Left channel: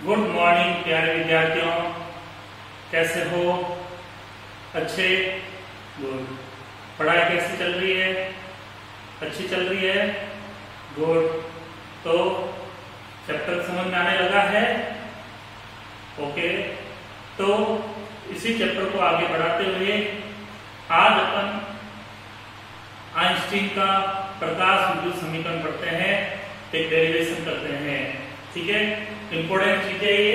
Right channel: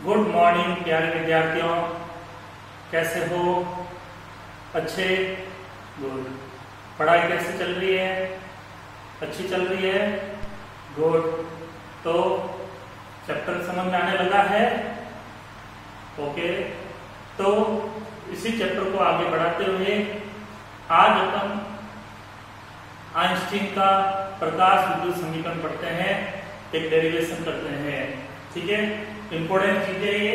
Good morning प्यारे विद्यार्थियों, कैसे हो? अच्छे, गुड। पढ़ाई कैसी चल रही है? अच्छी चल रही है, गुड। तो चैप्टर समझ में आने लगा है? ओके। तो इसी चैप्टर को आगे बढ़ाते हुए आज अपन आइंस्टीन का प्रकाश विद्युत समीकरण पढ़ते हैं, एक डेरिवेशन करते हैं। ठीक है, इंपोर्टेंट चीज है ये।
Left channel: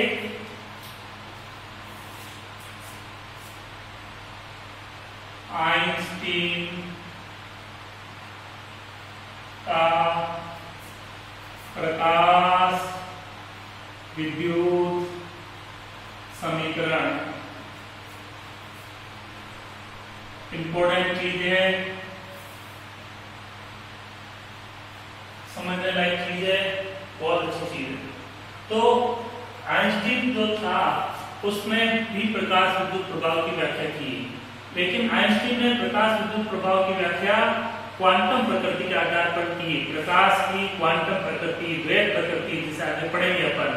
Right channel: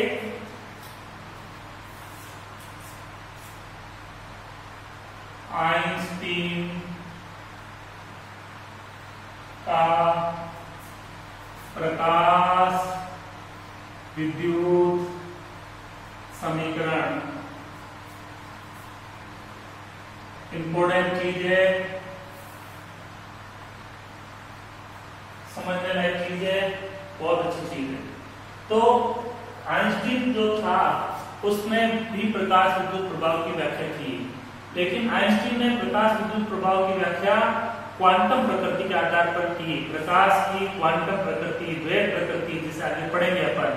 आइंस्टीन का प्रकाश विद्युत समीकरण इंपोर्टेंट चीज है, समझने लायक चीज है, बहुत अच्छी चीज है। तो आइंस्टीन जो था उसमें भी प्रकाश विद्युत प्रभाव की व्याख्या की, लेकिन आइंस्टीन ने प्रकाश विद्युत प्रभाव की व्याख्या क्वांटम प्रकृति के आधार पर की। प्रकाश की क्वांटम प्रकृति, द्वैत प्रकृति, जिसे आगे पढ़ेंगे अपन,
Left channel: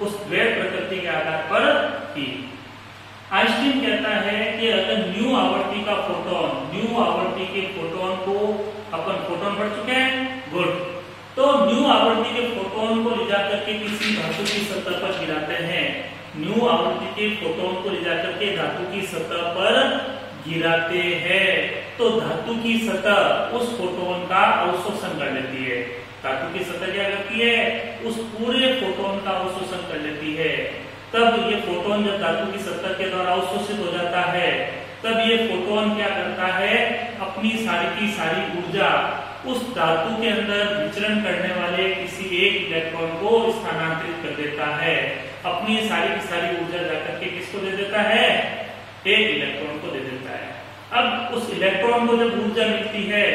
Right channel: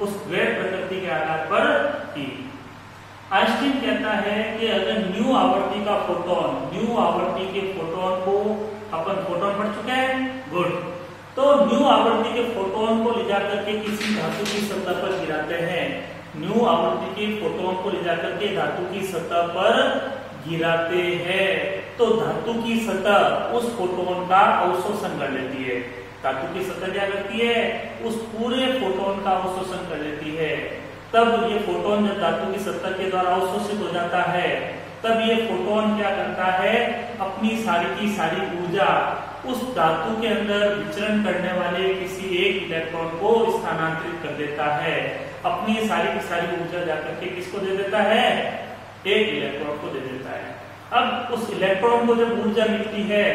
उस द्वैत प्रकृति के आधार पर की। आइंस्टीन कहता है कि अगर न्यू आवृत्ति का फोटोन, न्यू आवृत्ति के फोटोन को अपन फोटोन पढ़ चुके हैं, गुड। तो न्यू आवृत्ति के फोटोन को ले जाकर के किसी धातु की सतह पर गिराते हैं, न्यू आवृत्ति के फोटोन को ले जाकर के धातु की सतह पर गिराते हैं, तो धातु की सतह उस फोटोन का अवशोषण कर लेती है। धातु की सतह क्या करती है? उस पूरे फोटोन का अवशोषण कर लेती है। तब ये फोटोन जब धातु की सतह के द्वारा अवशोषित हो जाता है, तब ये फोटोन क्या करता है? अपनी सारी की सारी ऊर्जा उस धातु के अंदर विचरण करने वाले किसी एक इलेक्ट्रॉन को स्थानांतरित कर देता है। अपनी सारी की सारी ऊर्जा जाकर के किसको दे देता है? एक इलेक्ट्रॉन को दे देता है। अब उस इलेक्ट्रॉन को जब ऊर्जा मिलती है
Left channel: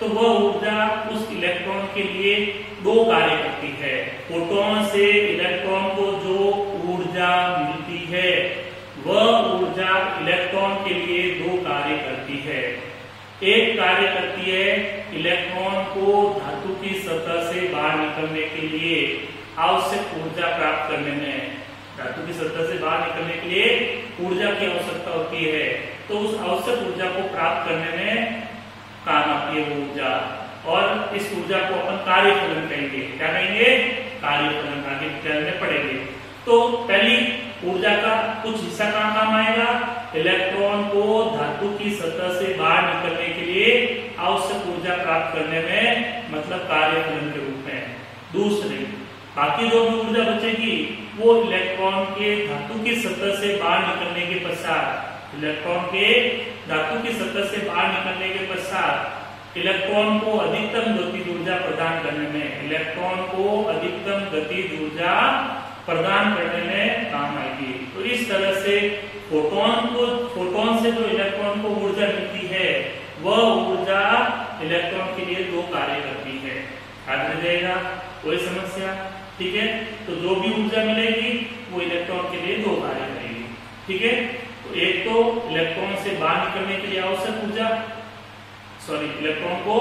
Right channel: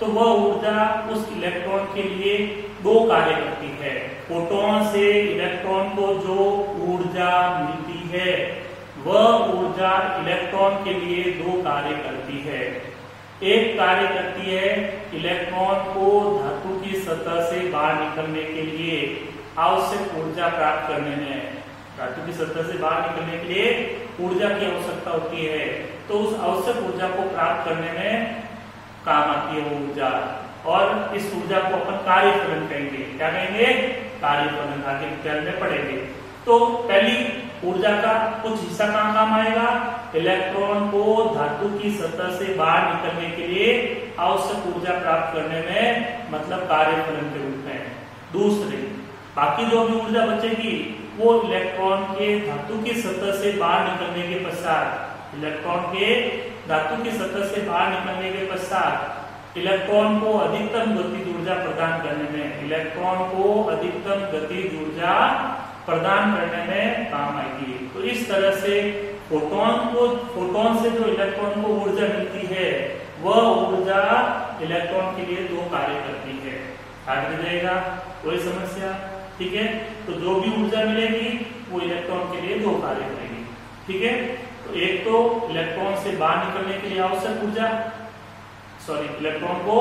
तो वह ऊर्जा उस इलेक्ट्रॉन के लिए दो कार्य करती है। फोटोन से इलेक्ट्रॉन को जो ऊर्जा मिलती है वह ऊर्जा इलेक्ट्रॉन के लिए दो कार्य करती है। एक कार्य करती है इलेक्ट्रॉन को धातु की सतह से बाहर निकलने के लिए आवश्यक ऊर्जा प्राप्त करने में। धातु की सतह से बाहर निकलने के लिए ऊर्जा की आवश्यकता होती है, तो उस आवश्यक ऊर्जा को प्राप्त करने में काम आती है वो ऊर्जा, और इस ऊर्जा को अपन कार्य फलन कहेंगे। क्या कहेंगे? कार्य फलन, आगे डिटेल में पढ़ेंगे। तो पहली ऊर्जा का कुछ हिस्सा कहाँ काम आएगा? इलेक्ट्रॉन को धातु की सतह से बाहर निकलने के लिए आवश्यक ऊर्जा प्राप्त करने में, मतलब कार्य फलन के रूप में। दूसरी बाकी जो भी ऊर्जा बचेगी वो इलेक्ट्रॉन के धातु की सतह से बाहर निकलने के पश्चात, इलेक्ट्रॉन के धातु की सतह से बाहर निकलने के पश्चात इलेक्ट्रॉन को अधिकतम गतिज ऊर्जा प्रदान करने में, इलेक्ट्रॉन को अधिकतम गतिज ऊर्जा प्रदान करने में काम आएगी। तो इस तरह से फोटोन से जो इलेक्ट्रॉन को ऊर्जा मिलती है वह ऊर्जा इलेक्ट्रॉन के लिए दो कार्य करती है। याद रह जाएगा, कोई समस्या? ठीक है, तो जो भी ऊर्जा मिलेगी वो इलेक्ट्रॉन के लिए दो कार्य करेगी। ठीक है, तो एक तो इलेक्ट्रॉन से बाहर निकलने के लिए आवश्यक ऊर्जा, इलेक्ट्रॉन को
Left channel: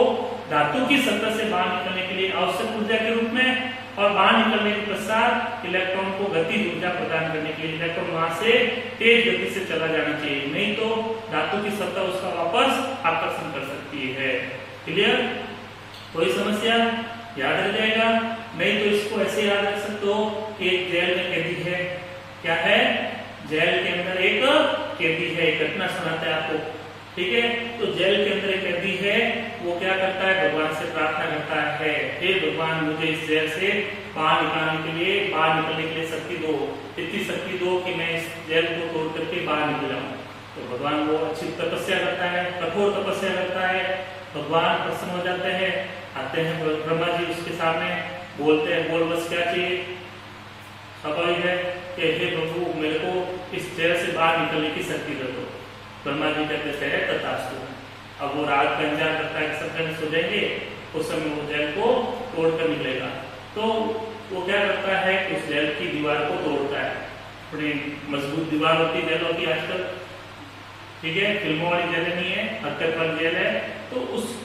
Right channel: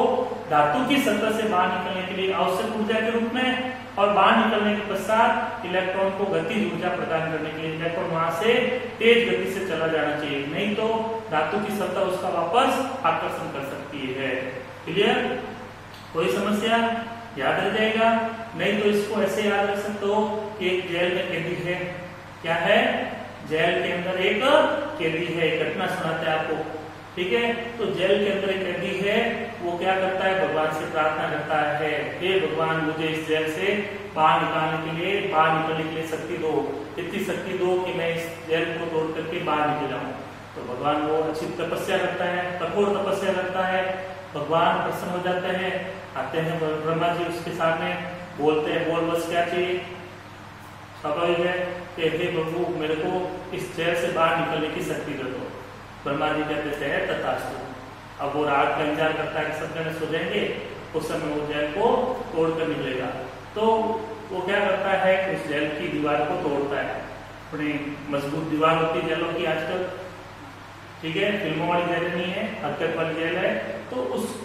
धातु की सतह से बाहर निकलने के लिए आवश्यक ऊर्जा के रूप में, और बाहर निकलने के पश्चात इलेक्ट्रॉन को गतिज ऊर्जा प्रदान करने के लिए इलेक्ट्रॉन वहां से तेज गति से चला जाना चाहिए, नहीं तो धातु की सतह उसका वापस आकर्षण कर सकती है। क्लियर? कोई समस्या? याद रह जाएगा? नहीं तो इसको ऐसे याद रख सकते हो कि एक जेल में कैदी है। क्या है? जेल के अंदर एक कैदी है। घटना सुनाते हैं आपको, ठीक है? तो जेल के अंदर एक कैदी है, वो क्या करता है? भगवान से प्रार्थना करता है, हे भगवान मुझे इस जेल से बाहर निकालने के लिए, बाहर निकलने के लिए शक्ति दो, इतनी शक्ति दो कि मैं इस जेल को तोड़ करके बाहर निकल जाऊं। तो भगवान वो अच्छी तपस्या करता है, कठोर तपस्या करता है, भगवान प्रसन्न हो जाते हैं, आते हैं ब्रह्मा जी उसके सामने, बोलते हैं बोल बस क्या चाहिए? स्वाभाविक है कि हे प्रभु मेरे को इस जेल से बाहर निकलने की शक्ति दे दो। ब्रह्मा जी कहते हैं तथास्तु। अब वो रात का इंतजार करता है कि सब जने सो जाएंगे, उस समय वो जेल को तोड़कर निकलेगा। तो वो क्या करता है कि उस जेल की दीवार को तोड़ता है। बड़ी मजबूत दीवार होती है जेलों की आजकल, ठीक है? फिल्मों वाली जेल नहीं है, हरकत वाली जेल है। तो उस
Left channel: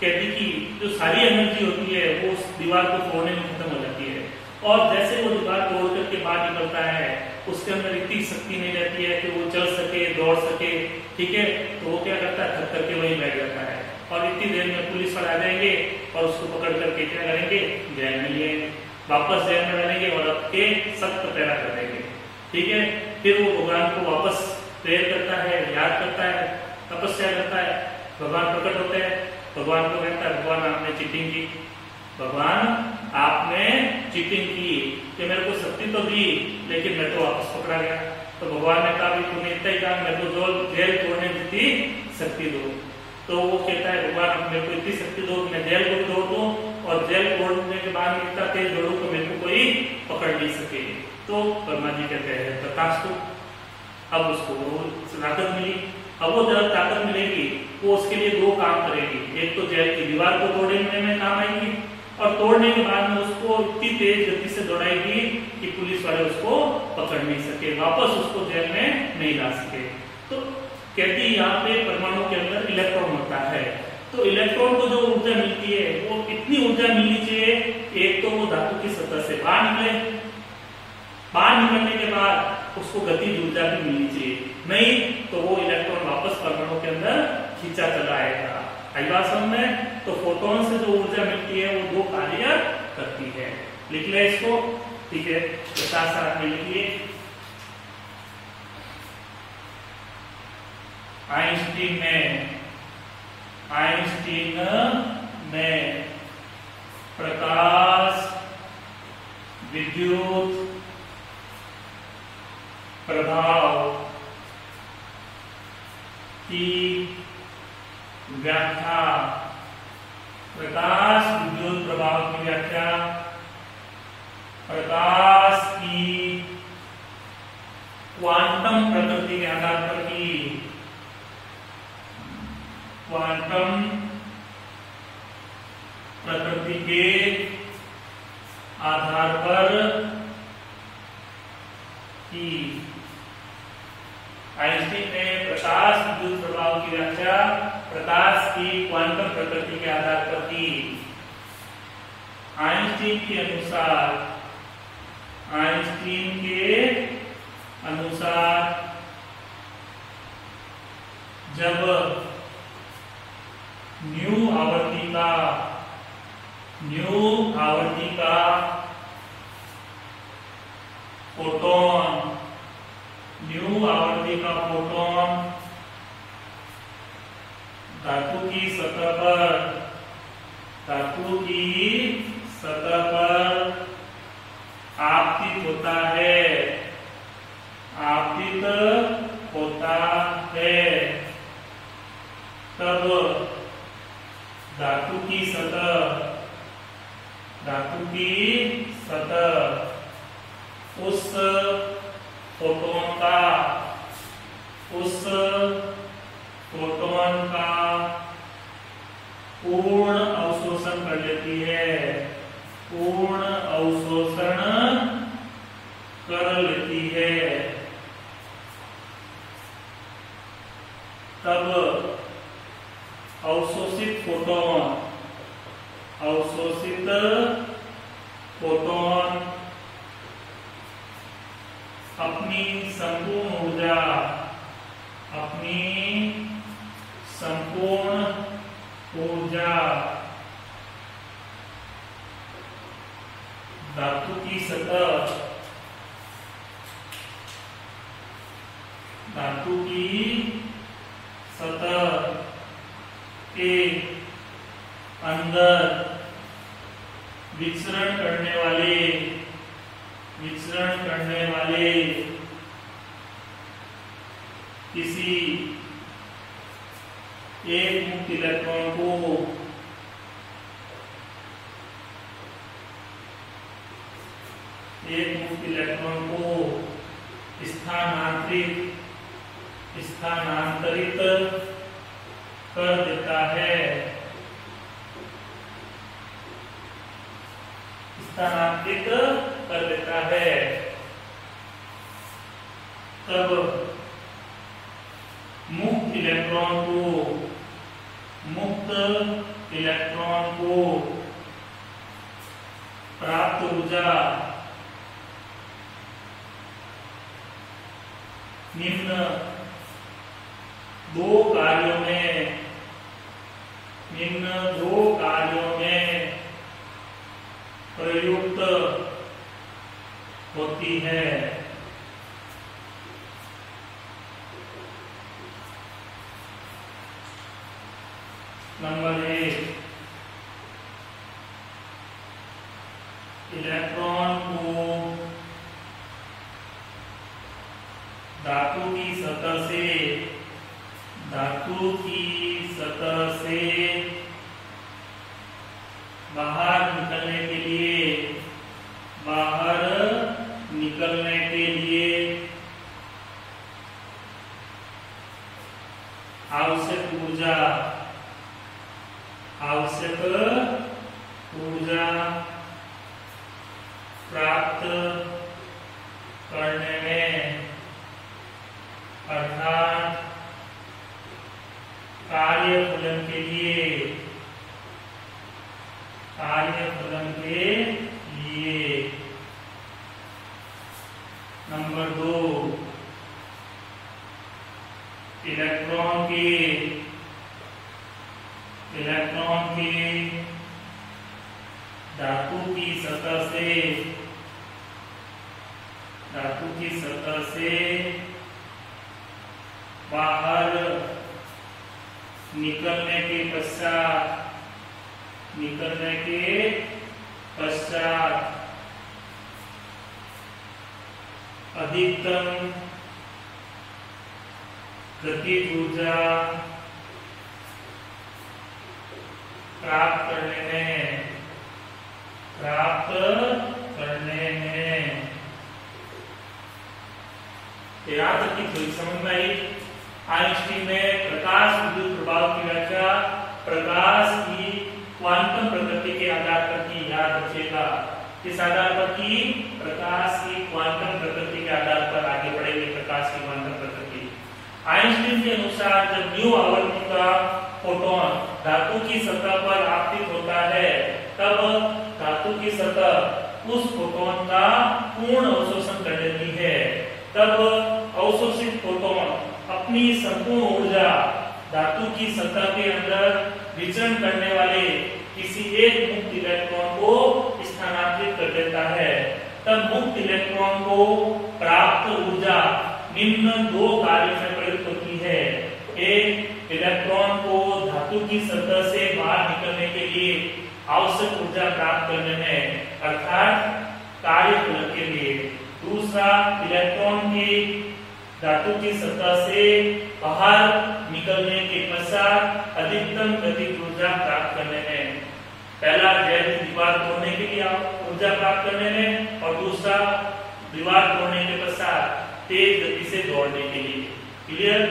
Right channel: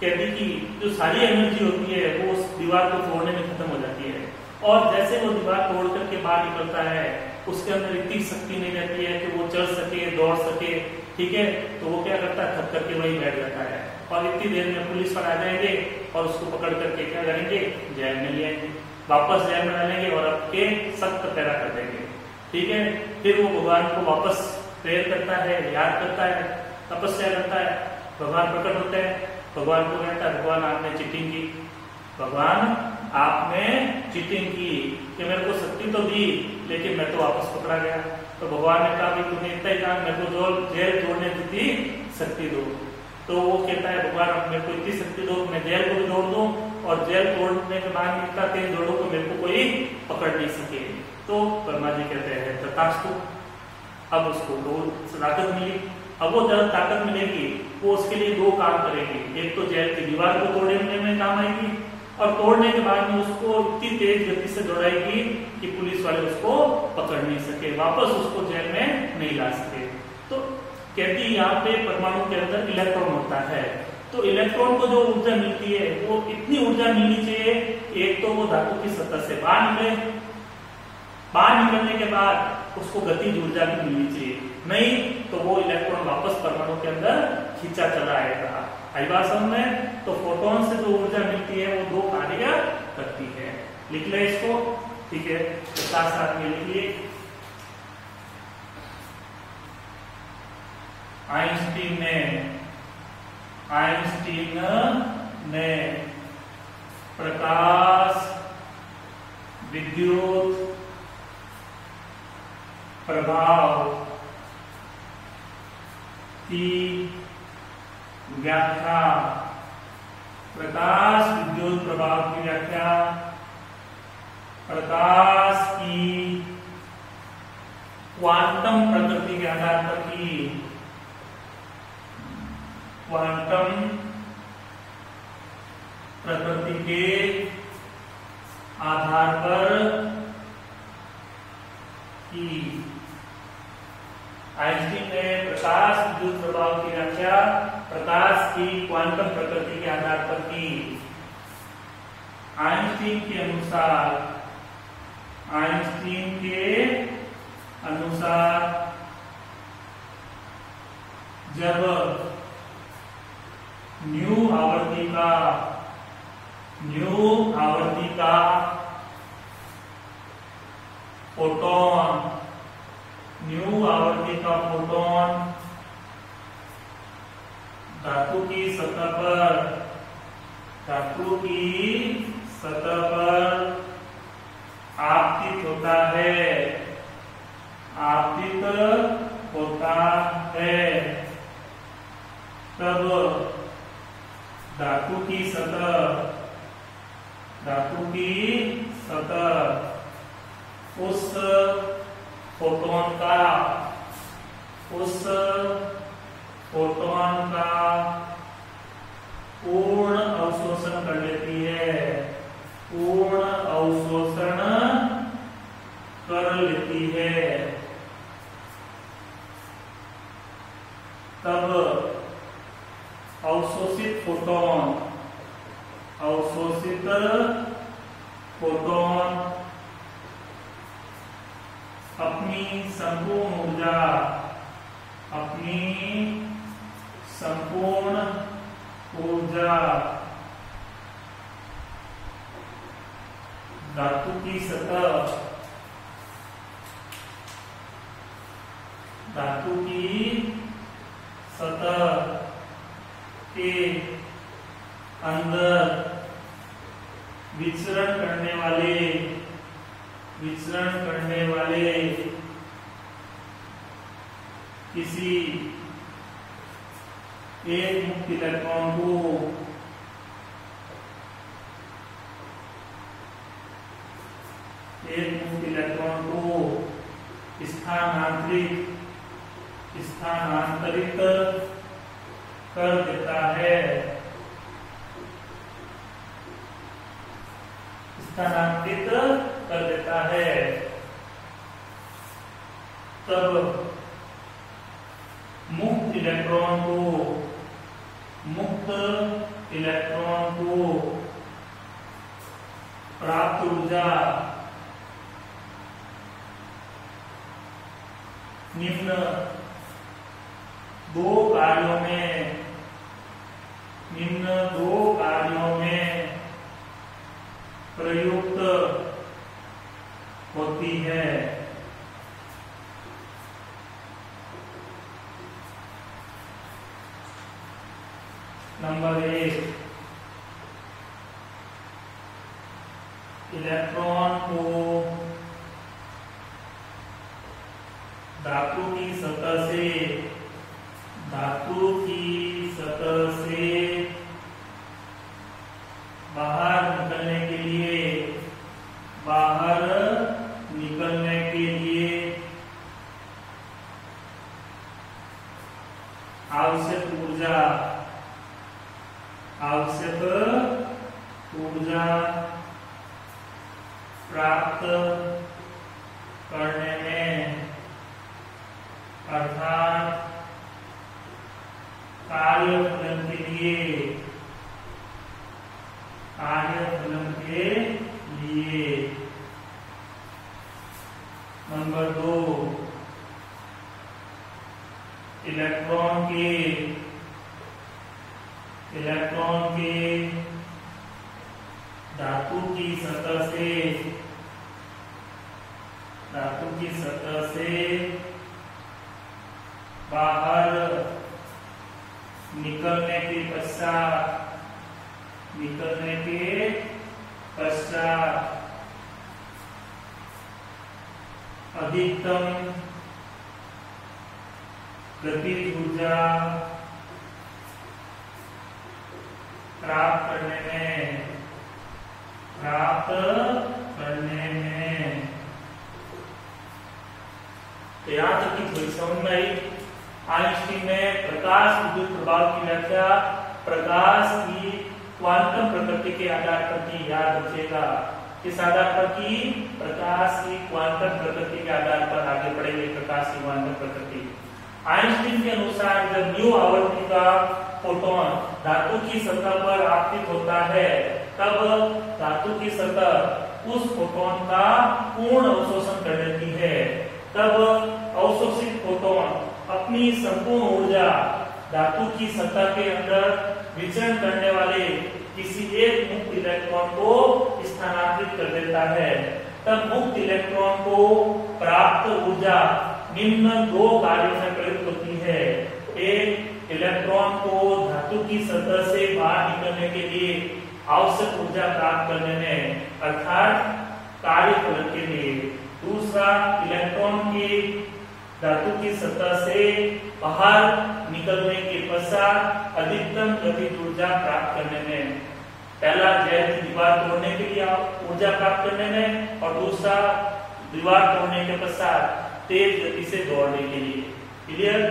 कैदी की जो सारी एनर्जी होती है वो उस दीवार को तोड़ने में खत्म हो जाती है। और जैसे वो दीवार तोड़ करके बाहर निकलता है उसके अंदर इतनी शक्ति नहीं रहती है कि वो चल सके, दौड़ सके, ठीक है। तो वो क्या करता है, थक करके वहीं बैठ जाता है और इतनी देर में पुलिस वाले आ जाएंगे और उसको पकड़ करके क्या करेंगे, जेल में ले आएंगे, वापस जेल में डालेंगे और आपके सख्त पैरा कर देंगे, ठीक है। फिर वो भगवान को वापस प्रेयर करता है, याद करता है, तपस्या करता है, भगवान प्रकट होते हैं, भगवान को कहता है भगवान आपने चीटिंग की, भगवान आपने चीटिंग की कि मेरे को शक्ति तो दी लेकिन मैं तो वापस पकड़ा गया। तो भगवान ने कहा तुमने इतना ही कहा, मेरे को जो जेल तोड़ने की शक्ति दो। तो वो कहता है भगवान आप मेरे को इतनी शक्ति दो, मैं जेल को भी तोड़ दूं और जेल तोड़ने के बाद इतना तेज दौड़ू तो मेरे को कोई पकड़ नहीं सके। तो ब्रह्मा जी कहते हैं तथास्तु। अब उसको ताकत मिली। अब वो जब ताकत मिलेगी वो उसके लिए दो काम करेगी, एक तो जेल की दीवार को तोड़ने में काम आएगी और तोड़ने के बाद में उसको इतनी तेज गति से दौड़ाएगी कि पुलिस वाले उसको पकड़ नहीं सके, वापस उसको जेल में नहीं ला सके। तो कहती है यहाँ पे परमाणु के अंदर इलेक्ट्रॉन होता है, तो इलेक्ट्रॉन को जो ऊर्जा मिलती है वो इतनी ऊर्जा मिलनी चाहिए, एक तो वो धातु की सतह से बाहर निकले, बाहर निकलने के बाद उसको गतिज ऊर्जा भी मिलनी चाहिए, नहीं तो वो इलेक्ट्रॉन वापस परमाणु के अंदर खींचा चला आएगा। आई बात समझ में? तो फोटोन से जो ऊर्जा मिलती है वो दो कार्य करती है। लिख ले इसको, ठीक है, तो साथ साथ में लिखिए। आइंस्टीन ने प्रकाश विद्युत प्रभाव की व्याख्या, प्रकाश विद्युत प्रभाव की व्याख्या प्रकाश की क्वांटम प्रकृति के आधार पर की, क्वांटम प्रकृति के आधार पर की। आइंस्टीन ने प्रकाश विद्युत प्रभाव की व्याख्या प्रकाश की क्वांटम प्रकृति के आधार पर की। आइंस्टीन के अनुसार जब न्यू आवृत्ति का फोटोन धातु की सतह पर आपतित होता है, तब धातु की सतह उस फोटोन का पूर्ण अवशोषण कर लेती है, तब अवशोषित फोटोन अपनी संपूर्ण ऊर्जा धातु की सतह के अंदर विचरण करने वाले किसी एक मुक्त इलेक्ट्रॉन को स्थानांतरित कर देता है, तब मुक्त इलेक्ट्रॉन को प्राप्त ऊर्जा निम्न दो कार्यों में प्रयुक्त होती है। नंबर 1, इलेक्ट्रॉन को धातु की सतह से बाहर निकलने के लिए आवश्यक ऊर्जा प्राप्त करने में, अर्थात कार्यफलन के लिए नंबर 2, इलेक्ट्रॉन के धातु की सतह से बाहर निकलने के पश्चात अधिकतम गतिज ऊर्जा प्राप्त करने में याद रखी, थोड़ी समझ में आई। आइंस्टीन ने प्रकाश विद्युत प्रभाव की व्याख्या प्रकाश की क्वांटम प्रकृति के आधार पर की। याद रखिएगा, किस आधार पर की? प्रकाश की क्वांटम प्रकृति के आधार पर आगे बढ़ेंगे। प्रकाश की क्वांटम प्रकृति आइंस्टीन के अनुसार जब न्यू आवृत्ति का फोटोन धातु की सतह पर आपतित होता है, तब धातु की सतह उस फोटोन का पूर्ण अवशोषण कर लेती है। तब अवशोषित फोटोन अपनी संपूर्ण ऊर्जा धातु की सतह के अंदर विचरण करने वाले किसी एक मुक्त इलेक्ट्रॉन को स्थानांतरित कर देता है। तब मुक्त इलेक्ट्रॉन को प्राप्त ऊर्जा निम्न दो कार्यों में प्रयुक्त होती है। एक, इलेक्ट्रॉन को धातु की सतह से बाहर निकलने के लिए आवश्यक ऊर्जा प्राप्त करने में, अर्थात कार्यफलन के लिए। दूसरा, इलेक्ट्रॉन की धातु की सतह से बाहर निकलने के पश्चात अधिकतम गतिज ऊर्जा प्राप्त करने में। पहला जैविक दीवार तोड़ने के लिए ऊर्जा प्राप्त करने में, और दूसरा दीवार तोड़ने के पश्चात तेज गति से दौड़ने के लिए। क्लियर?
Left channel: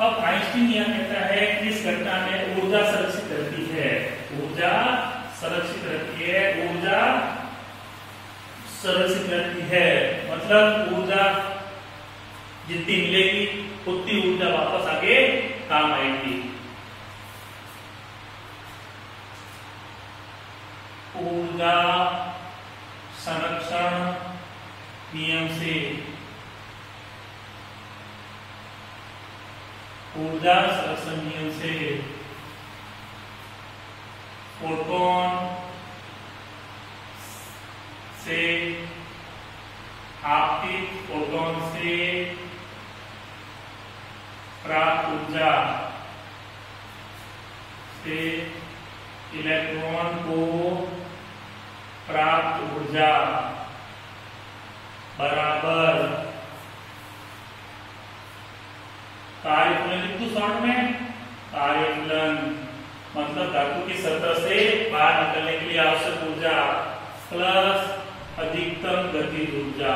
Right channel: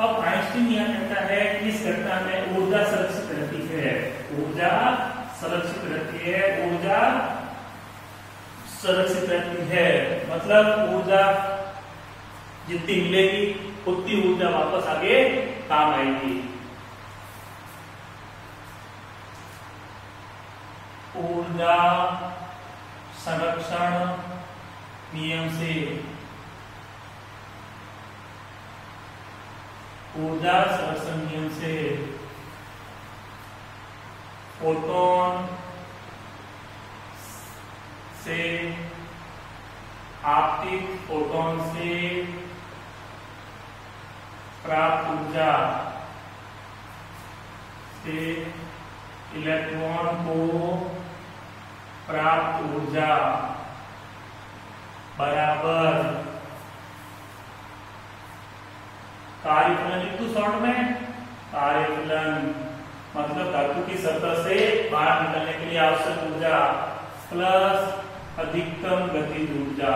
अब आइंस्टीन यह कहता है कि इस घटना में ऊर्जा संरक्षित रहती है। ऊर्जा संरक्षित रहती है, मतलब ऊर्जा जितनी मिलेगी उतनी ऊर्जा वापस आगे काम आएगी। ऊर्जा संरक्षण नियम से फोटोन से आपतित फोटोन से प्राप्त ऊर्जा से इलेक्ट्रॉन को प्राप्त ऊर्जा बराबर कार्यफलन लिख दो शॉर्ट में। कार्यफलन मतलब धातु की सतह से बाहर निकलने के लिए आवश्यक ऊर्जा प्लस अधिकतम गतिज ऊर्जा।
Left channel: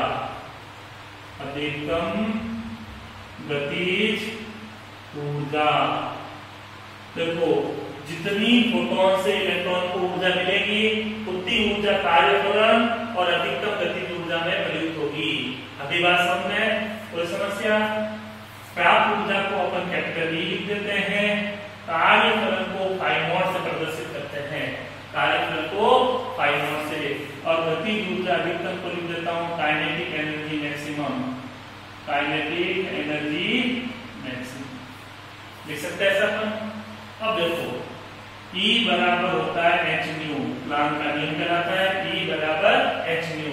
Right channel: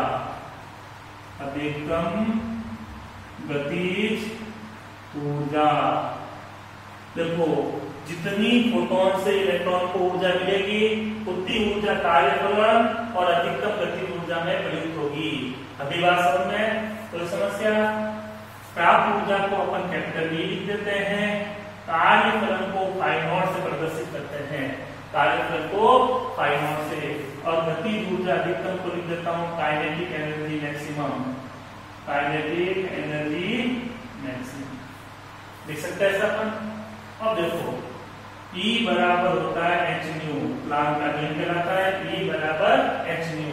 देखो, जितनी फोटोन से इलेक्ट्रॉन को ऊर्जा मिलेगी उतनी ऊर्जा कार्यफलन और अधिकतम गतिज ऊर्जा में प्रयुक्त होगी। अभी बात समझ में? कोई समस्या? प्राप्त ऊर्जा को अपन कैपिटल E लिख देते हैं, कार्यफलन को फाई नॉट से प्रदर्शित करते हैं, कार्यफल को फाई नॉट से, और गतिज ऊर्जा अधिकतम को लिख देता हूं kinetic energy maximum, kinetic energy maximum लिख सकते हैं ऐसा अपन। अब देखो E बराबर होता है एच न्यू, प्लांक का नियम कहलाता है E बराबर एच न्यू,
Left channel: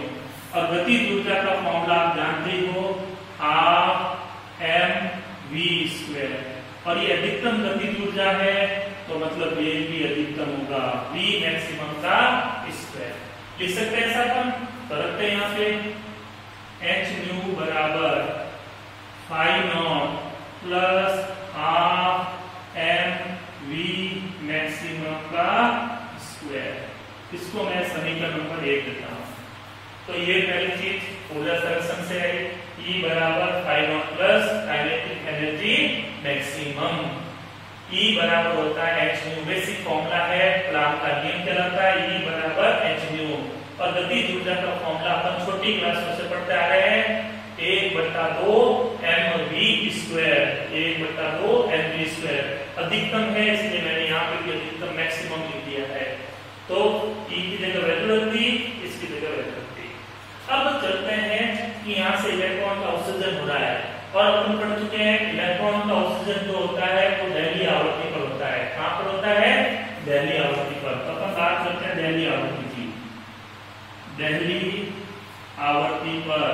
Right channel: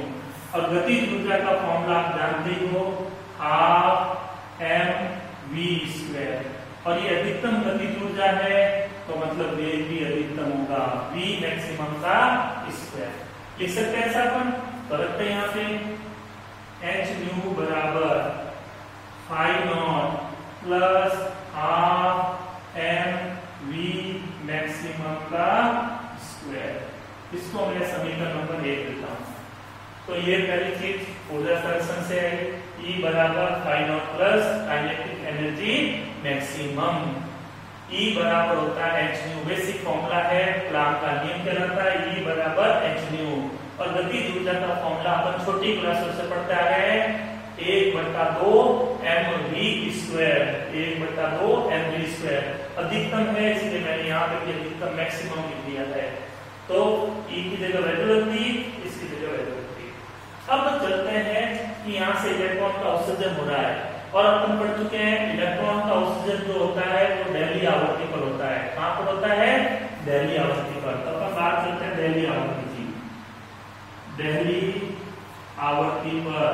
और गतिज ऊर्जा का फॉर्मूला आप जानते ही हो हाफ एम वी स्क्वायर, और ये अधिकतम गतिज ऊर्जा है तो मतलब वेग भी अधिकतम होगा V मैक्सिमम का स्क्वायर, लिख सकते हैं ऐसा अपन। तो रखते हैं यहाँ पे एच न्यू बराबर phi naught plus half M we maximum का स्क्वायर, इसको मैं समीकरण नंबर 1 देता हूं। तो ये पहली चीज ऊर्जा संरक्षण से है, E बराबर phi naught plus kinetic energy maximum, E बराबर होता है एच न्यू, बेसिक फॉर्मूला है, प्लांक का नियम कहलाता है E बराबर एच न्यू, और गतिज ऊर्जा का फॉर्मूला अपन छोटी क्लासों से पढ़ते आ रहे हैं 1/2 mv स्क्वायर, 1/2 mv स्क्वायर अधिकतम है, इसलिए मैंने यहाँ पे भी अधिकतम मैक्सिमम लिख दिया है। तो E की जगह वैल्यू रख दी, इसकी जगह वैल्यू रख दी। अब चलते हैं कि यहाँ से इलेक्ट्रॉन का उत्सर्जन हो रहा है, और अपन पढ़ चुके हैं इलेक्ट्रॉन का उत्सर्जन जो होता है वो दहलीय आवृत्ति पर होता है। कहाँ पर होता है? दहलीय आवृत्ति पर। तो अपन बात करते हैं दहलीय आवृत्ति की। दहलीय आवृत्ति पर,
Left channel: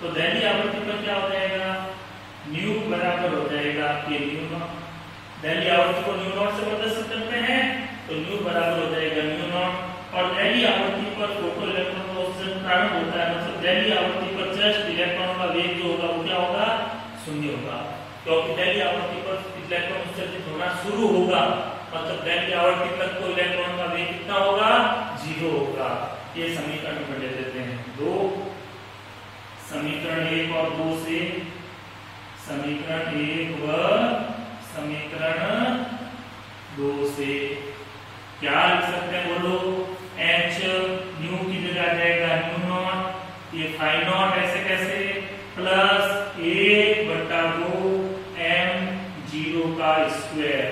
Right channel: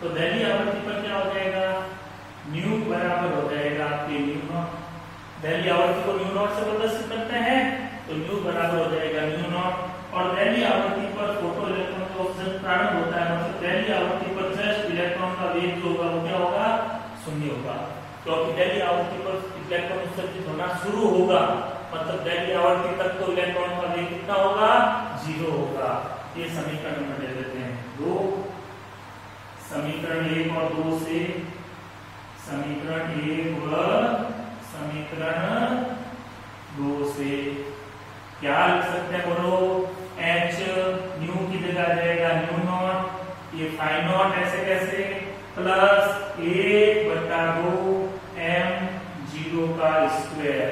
तो दहलीय आवृत्ति पर क्या हो जाएगा? न्यू बराबर हो जाएगा आपके न्यू नॉट, दहलीय आवृत्ति को न्यू नॉट से प्रदर्शित करते हैं, तो न्यू बराबर हो जाएगा न्यू नॉट, और दहलीय आवृत्ति पर फोटो इलेक्ट्रॉन का उत्सर्जन प्रारंभ होता है, मतलब दहलीय आवृत्ति पर जस्ट इलेक्ट्रॉन का वेग जो होगा वो क्या होगा? शून्य होगा, क्योंकि दहलीय आवृत्ति पर इलेक्ट्रॉन उत्सर्जित होना शुरू होगा, मतलब दहलीय आवृत्ति तक तो इलेक्ट्रॉन का वेग कितना होगा? 0 होगा। ये समीकरण नंबर दे देते हैं 2, समीकरण 1 और 2 से, समीकरण 1 व समीकरण 2 से क्या लिख सकते हैं बोलो? एच न्यू की जगह आ जाएगा न्यू नॉट, ये फाई नॉट ऐसे कैसे, प्लस 1/2 m 0 का स्क्वायर,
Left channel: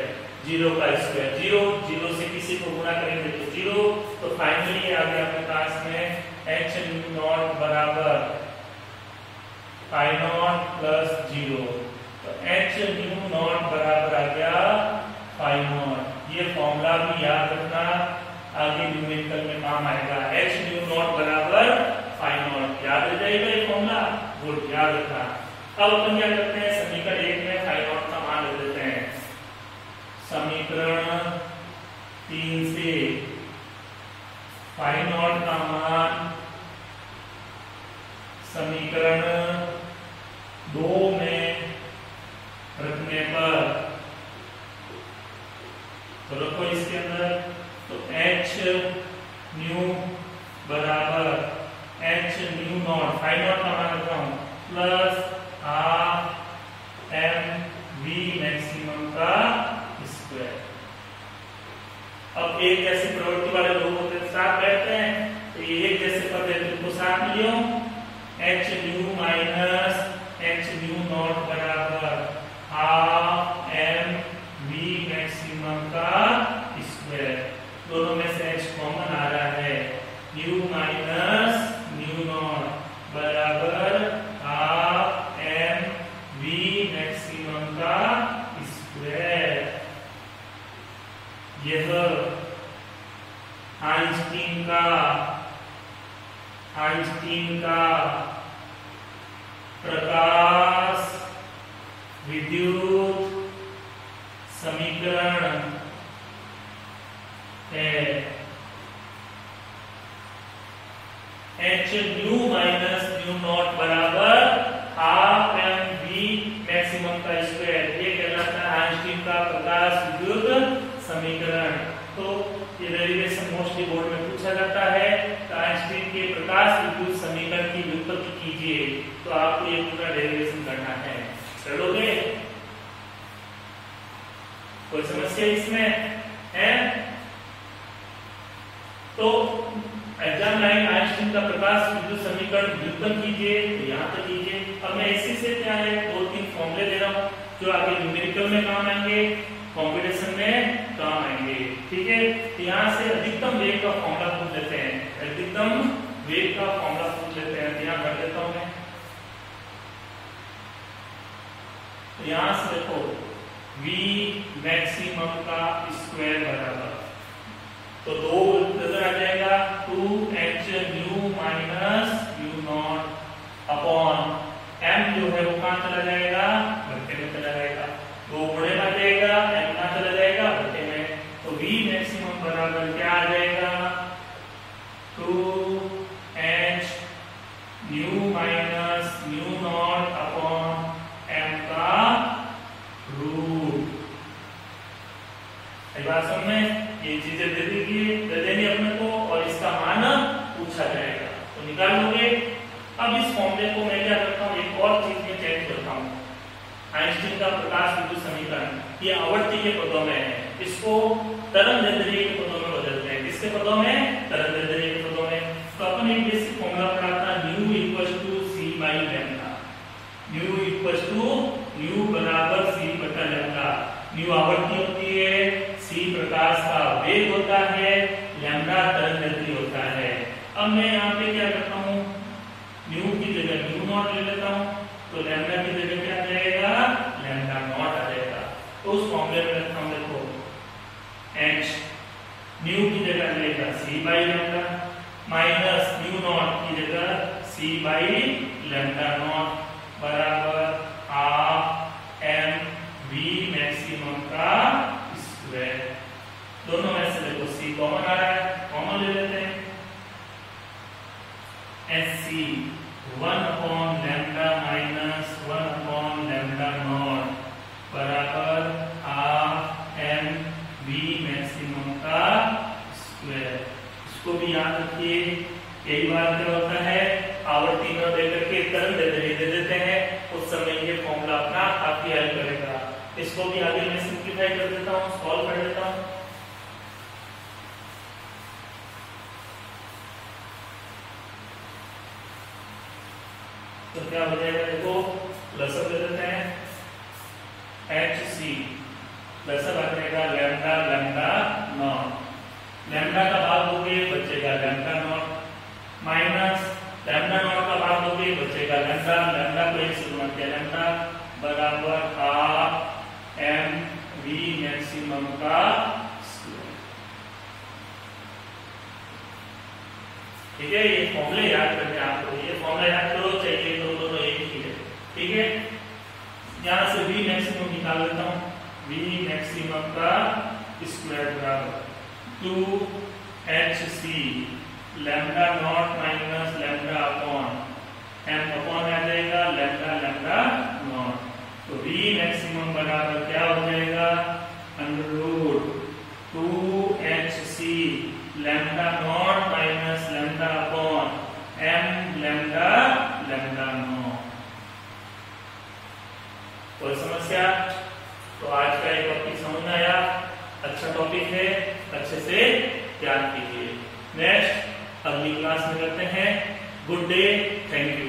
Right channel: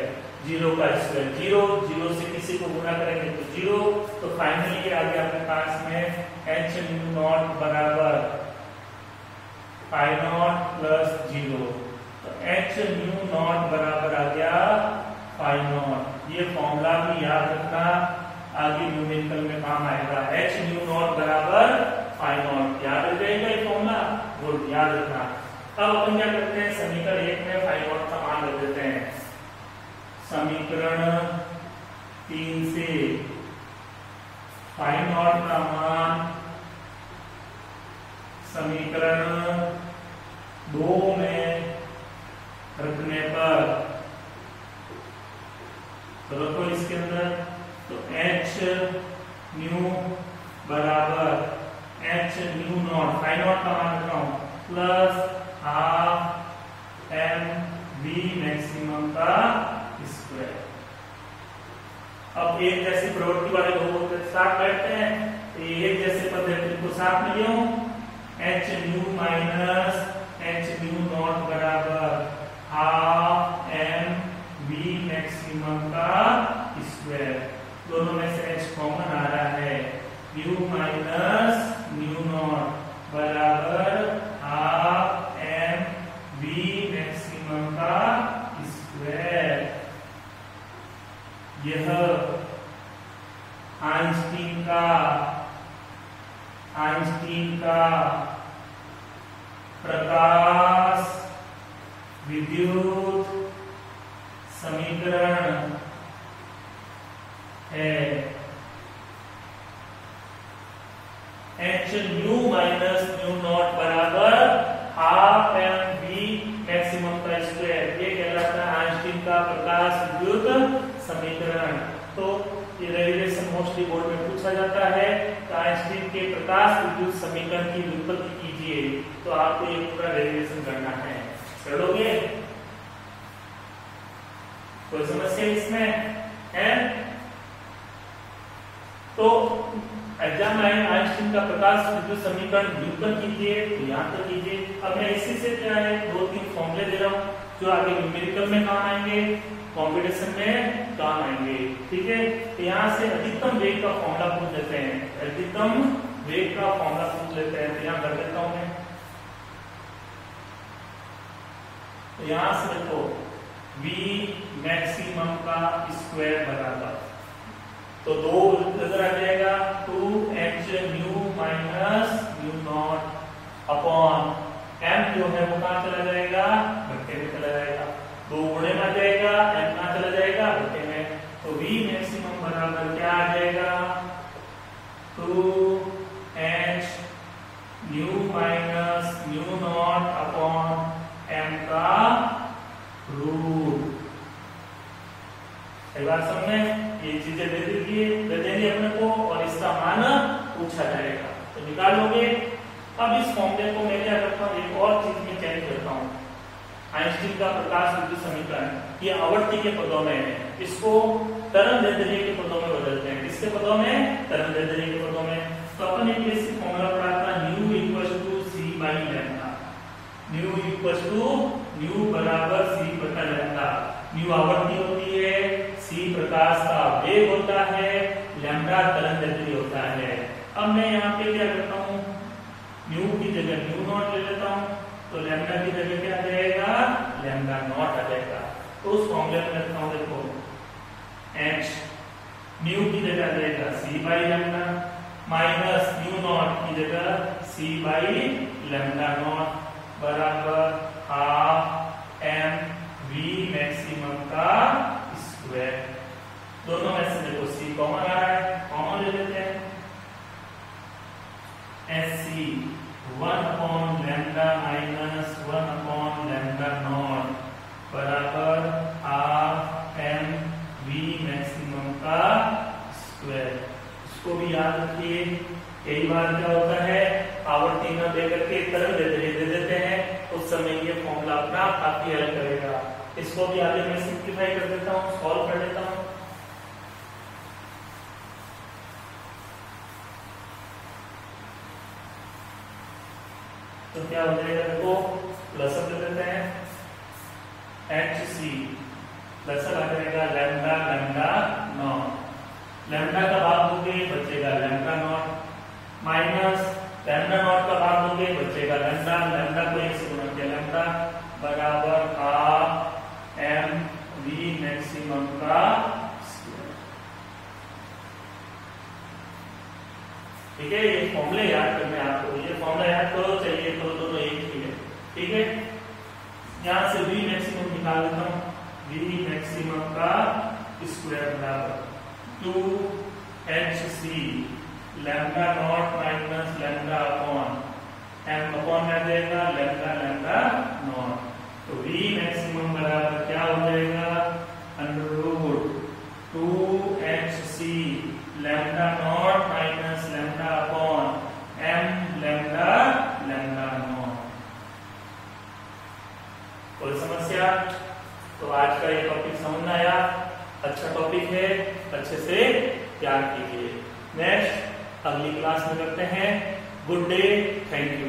0 का स्क्वायर, 0 से किसी को गुणा करेंगे तो 0, तो फाइनली आ गया आपके पास में एच न्यू नॉट बराबर फाई नॉट प्लस 0, तो एच न्यू नॉट बराबर आ गया फाई नॉट। ये फॉर्मूला भी याद रखना, आगे न्यूमेरिकल में काम आएगा। एच न्यू नॉट बराबर फाई नॉट, याद रह जाएगा ये फॉर्मूला, गुड, याद रखना। अब अपन क्या करते हैं? समीकरण 1 में फाई नॉट का मान रख देते हैं, समीकरण 3 से फाई नॉट का मान समीकरण 2 में रखने पर, तो रखो इसके अंदर, तो एच न्यू बराबर H nu naught, phi naught का मान रख रहा हूं, plus half M we maximum का स्क्वायर। अब एक जैसी प्रवृत्ति वाले लोगों के साथ बैठते हैं, तो ये एक जैसे पद है, इनको साथ में लियो, h nu minus h nu nought बराबर हाफ एम वी मैक्सिमम का स्क्वायर, दोनों में से एच कॉमन आ रहा है, न्यू माइनस न्यू नॉट बराबर हाफ एम वी मैक्सिमम का स्क्वायर। यह आइंस्टीन का प्रकाश विद्युत समीकरण है। H nu minus nu nought बराबर हाफ एम वी मैक्सिमम का स्क्वायर, ये कहलाता है आइंस्टीन का प्रकाश विद्युत समीकरण। तो ये डेरिवेशन मोस्टली बोर्ड में पूछा जाता है, तो आइंस्टीन के प्रकाश विद्युत समीकरण की व्युत्पत्ति कीजिए, तो आपको ये पूरा डेरिवेशन करना है, करोगे? कोई समस्या इसमें है? तो एग्जाम लाइन आइंस्टीन का प्रकाश विद्युत समीकरण व्युत्पन्न कीजिए, तो यहाँ तक कीजिए। अब मैं इसी से क्या है 2-3 फॉर्मूले दे रहा हूँ जो आगे न्यूमेरिकल में काम आएंगे, कॉम्पिटिशन में काम आएंगे, ठीक है। तो यहाँ से अधिकतम वेग का फॉर्मूला पूछ लेते हैं, अधिकतम वेग का फॉर्मूला पूछ लेते हैं। तो यहाँ कर देता हूँ मैं, तो यहाँ से देखो v मैक्सिमम का स्क्वायर बराबर, तो 2 नजर आ जाएगा 2h new minus nu not upon m जो है वो कहाँ चला जाएगा, बट्टे में चला जाएगा। 2 गुणे में आ जाएगा, m कहाँ चला जाएगा, बट्टे में। तो v मैक्सिमम बराबर क्या आ जाएगा 2h new minus nu not upon m का रूट। सही बात समझ में, ये चीजें दे देंगे अपने को और इसका मान पूछा जाएगा, तो निकाल लोगे। अब इस फॉर्मूले को मैं क्या करता हूँ, एक और चीज में चेंज करता हूँ। आइंस्टीन का प्रकाश विद्युत समीकरण ये आवर्ती के पदों में है, इसको तरंगदैर्ध्य के पदों में बदलते हैं। किसके पदों में, तरंगदैर्ध्य के पदों में। तो अपन एक बेसिक फॉर्मूला पढ़ा था, nu equal to C by lambda. Nu equal to nu बराबर सी बटा लैम्डा। न्यू आवर्ती होती है, सी प्रकाश का वेग होता है, लैम्डा तरंगदैर्ध्य होता है। अब मैं यहाँ पे क्या करता हूँ, न्यू की जगह न्यू नॉट ले लेता हूँ, तो लैम्डा की जगह क्या आ जाएगा, लैम्डा नॉट आ जाएगा। तो उस फॉर्मूले में रखता हूँ, देखो h न्यू की जगह लेगा c by lambda minus nu nought की जगह सी बाई लैम्डा नॉट बराबर हाफ m v मैक्सिमम का स्क्वायर। दोनों में से देखो सी कॉमन आ रहा है, कॉमन ले लेते हैं। SC 1 upon lambda minus 1 upon lambda nought बराबर हाफ m v मैक्सिमम का स्क्वायर। इसको भी याद रखिए, कई बार क्या होता है आवर्ती न देकर के तरंगदैर्ध्य दे देते हैं, उस समय ये फॉर्मूला अपना काफी हेल्प करेगा। इसको भी आगे मैं सिंप्लीफाई कर देता हूँ, सॉल्व कर देता हूँ। तो क्या हो जाएगा, देखो प्लस ले देते हैं, HC प्लस आ जाएगा लैम्डा लैम्डा नॉट, लैम्डा का भाग दोगे बचेगा lambda nought, minus lambda naught का भाग दोगे बचेगा लैम्डा, लैम्डा को 1 से गुणा किया लैम्डा बराबर हाफ m v मैक्सिमम का स्क्वायर। ठीक है, ये फॉर्मूले याद करने आपको, ये फॉर्मूला याद करो, चाहिए तो एक ही है। ठीक है, यहां से v मैक्सिमम निकाल लेता हूं, v मैक्सिमम का स्क्वायर बराबर 2hc lambda nought minus lambda upon m upon आ जाएगा लैम्डा लैम्डा नॉट। तो v मैक्सिमम बराबर क्या हो जाएगा, under root 2hc lambda nought minus lambda upon m lambda lambda nought. कोई समस्या? तो आज का ये टॉपिक समझ में आया, अच्छा टॉपिक है, अच्छे से याद कीजिए। नेक्स्ट अगली क्लास में करते हैं। Good day, thank you.